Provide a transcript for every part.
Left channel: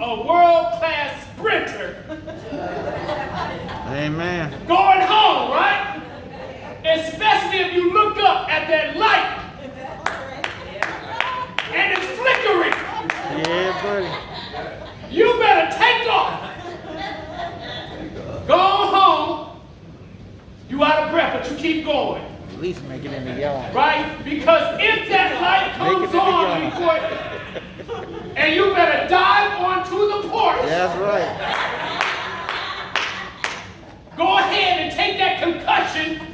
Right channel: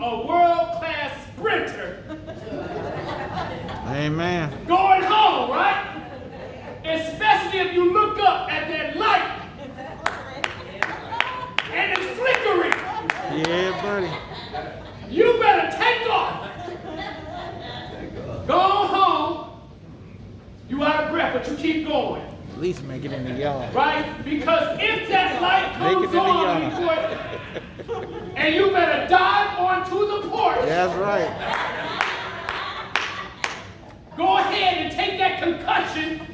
a world-class sprinter. Amen. Going home, right? Especially if you look up at that light and it's flickering. Yeah, buddy. You better take off. Go home. You out of breath, but you keep going. At least make it in the yard. Right? Because if that light comes on before and you better dive onto the porch. That's right. Go ahead and take that concussion.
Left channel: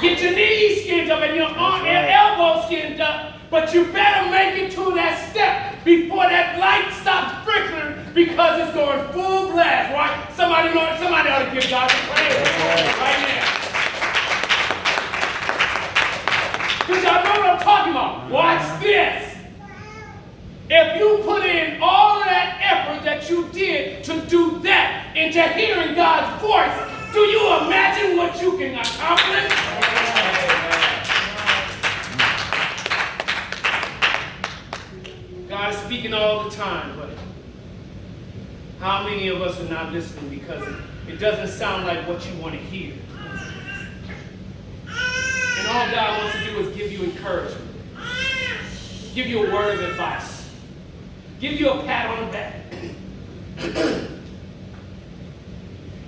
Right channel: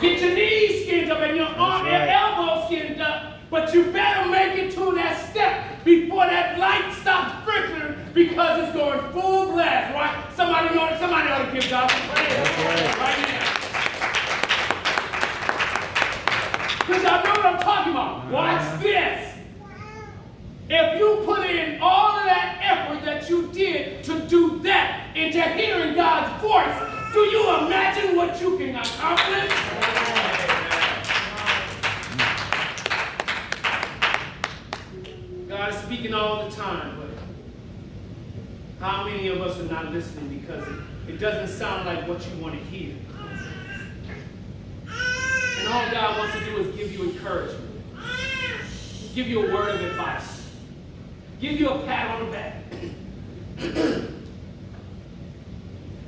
Get your knees skinned up and your arm and elbow skinned up. But you better make it to that step before that light stops flickering because it's going full blast, right? Somebody ought to give God some praise right now. Because y'all know what I'm talking about. Watch this. If you put in all of that effort that you did to do that into hearing God's voice, do you imagine what you can accomplish? God is speaking all the time, but how many of us are not listening because it doesn't sound like what you want to hear? And all God wants to do is give you encouragement, give you a word of advice, give you a pat on the back.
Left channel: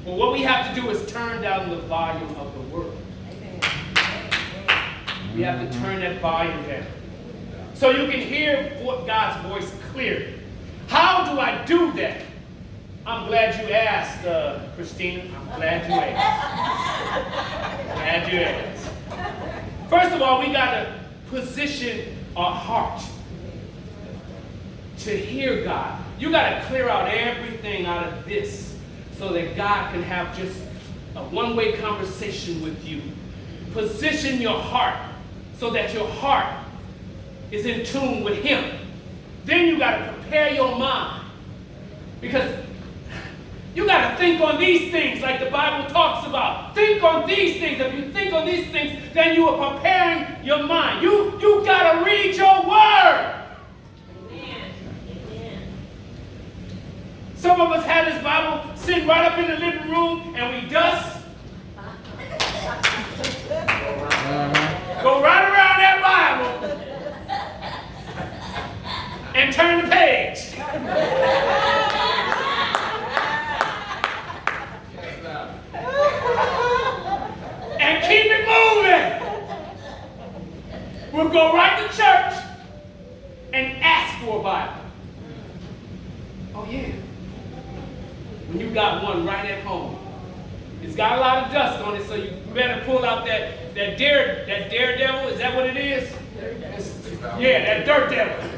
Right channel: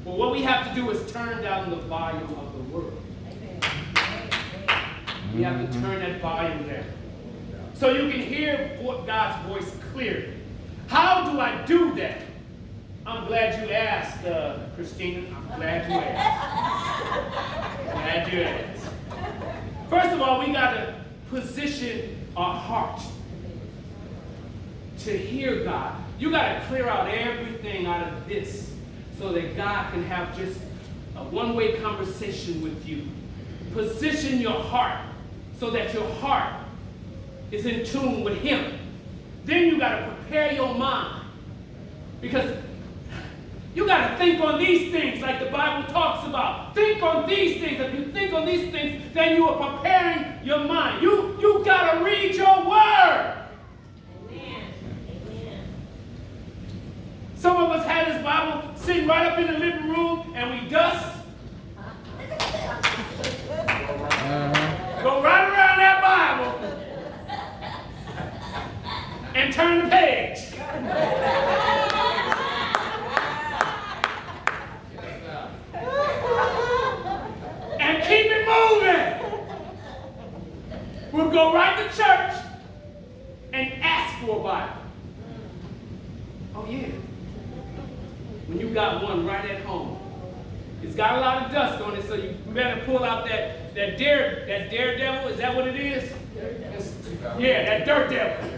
Well, what we have to do is turn down the volume of the world. We have to turn that volume down so you can hear God's voice clearly. How do I do that? I'm glad you asked, Christina. I'm glad you asked. Glad you asked. First of all, we got to position our heart to hear God. You got to clear out everything out of this so that God can have just a one-way conversation with you. Position your heart so that your heart is in tune with Him. Then you got to prepare your mind because you got to think on these things like the Bible talks about. Think on these things. If you think on these things, then you are preparing your mind. You got to read your word. Some of us had this Bible sitting right up in the living room and we dust. Go right around that Bible and turn the page. And keep it moving. We'll go right to church and ask for a Bible. Oh yeah. When you got one right at home. It's got a lot of dust on it, so you better pull out that daredevil. Is that what it is? Yeah, that dirt devil.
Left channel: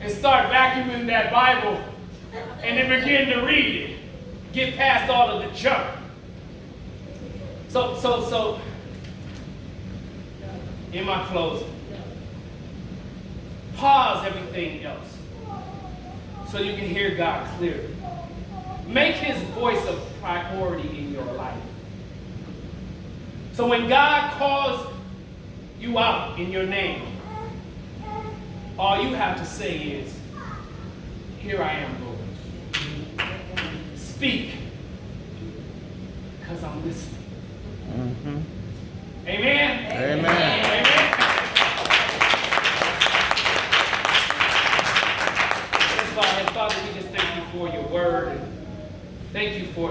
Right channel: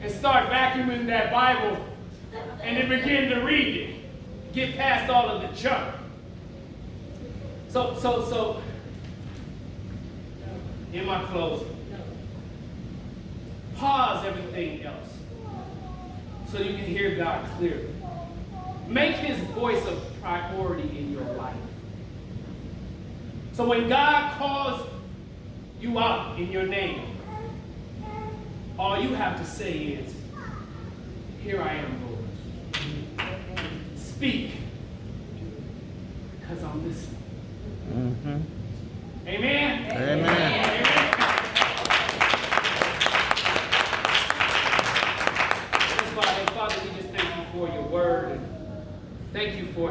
And start vacuuming that Bible and then begin to read it. Get past all of the junk. So in my closing, pause everything else so you can hear God clearly. Make His voice a priority in your life. So when God calls you out in your name, all you have to say is, "Here I am, Lord." Speak, because I'm listening. Mm-hmm. Amen? Amen. Amen. Let's bow our heads. Father, we just thank you for your word. And thank you for